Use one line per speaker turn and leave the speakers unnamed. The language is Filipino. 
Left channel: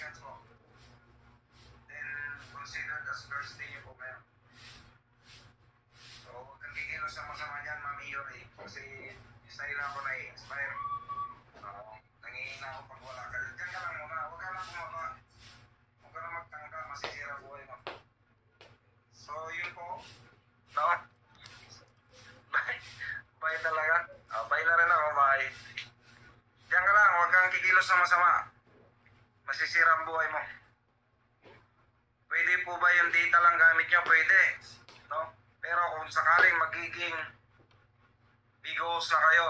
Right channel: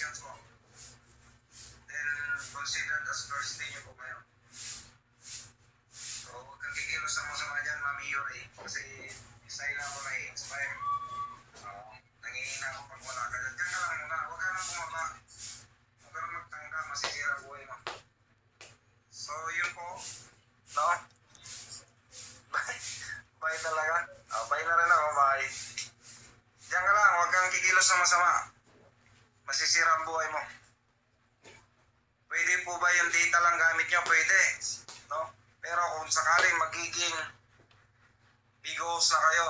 decisions mo. Then, considered as birthday niyo po ngayon. So, huwag kang kikilos na masama dyan, Mami Yuri. Kasi, style ako na i-inspire. Uh, nangihina ako pag wala ka dyan. Diyan lang muna, huwag ka nang bumaba. Huwag ka nang magtangka, masisira buhay mo. So, yun po. No? Bye. Bye talaga. Uh, bye na rin ako, bye. Diyan ka lang, huwag kang kikilos na masama. Masisira ang buhay mo. Pwede po ba yung data lang gamit nyo? Pwede. No? Pero kung sakaling magiging bigos na kayo,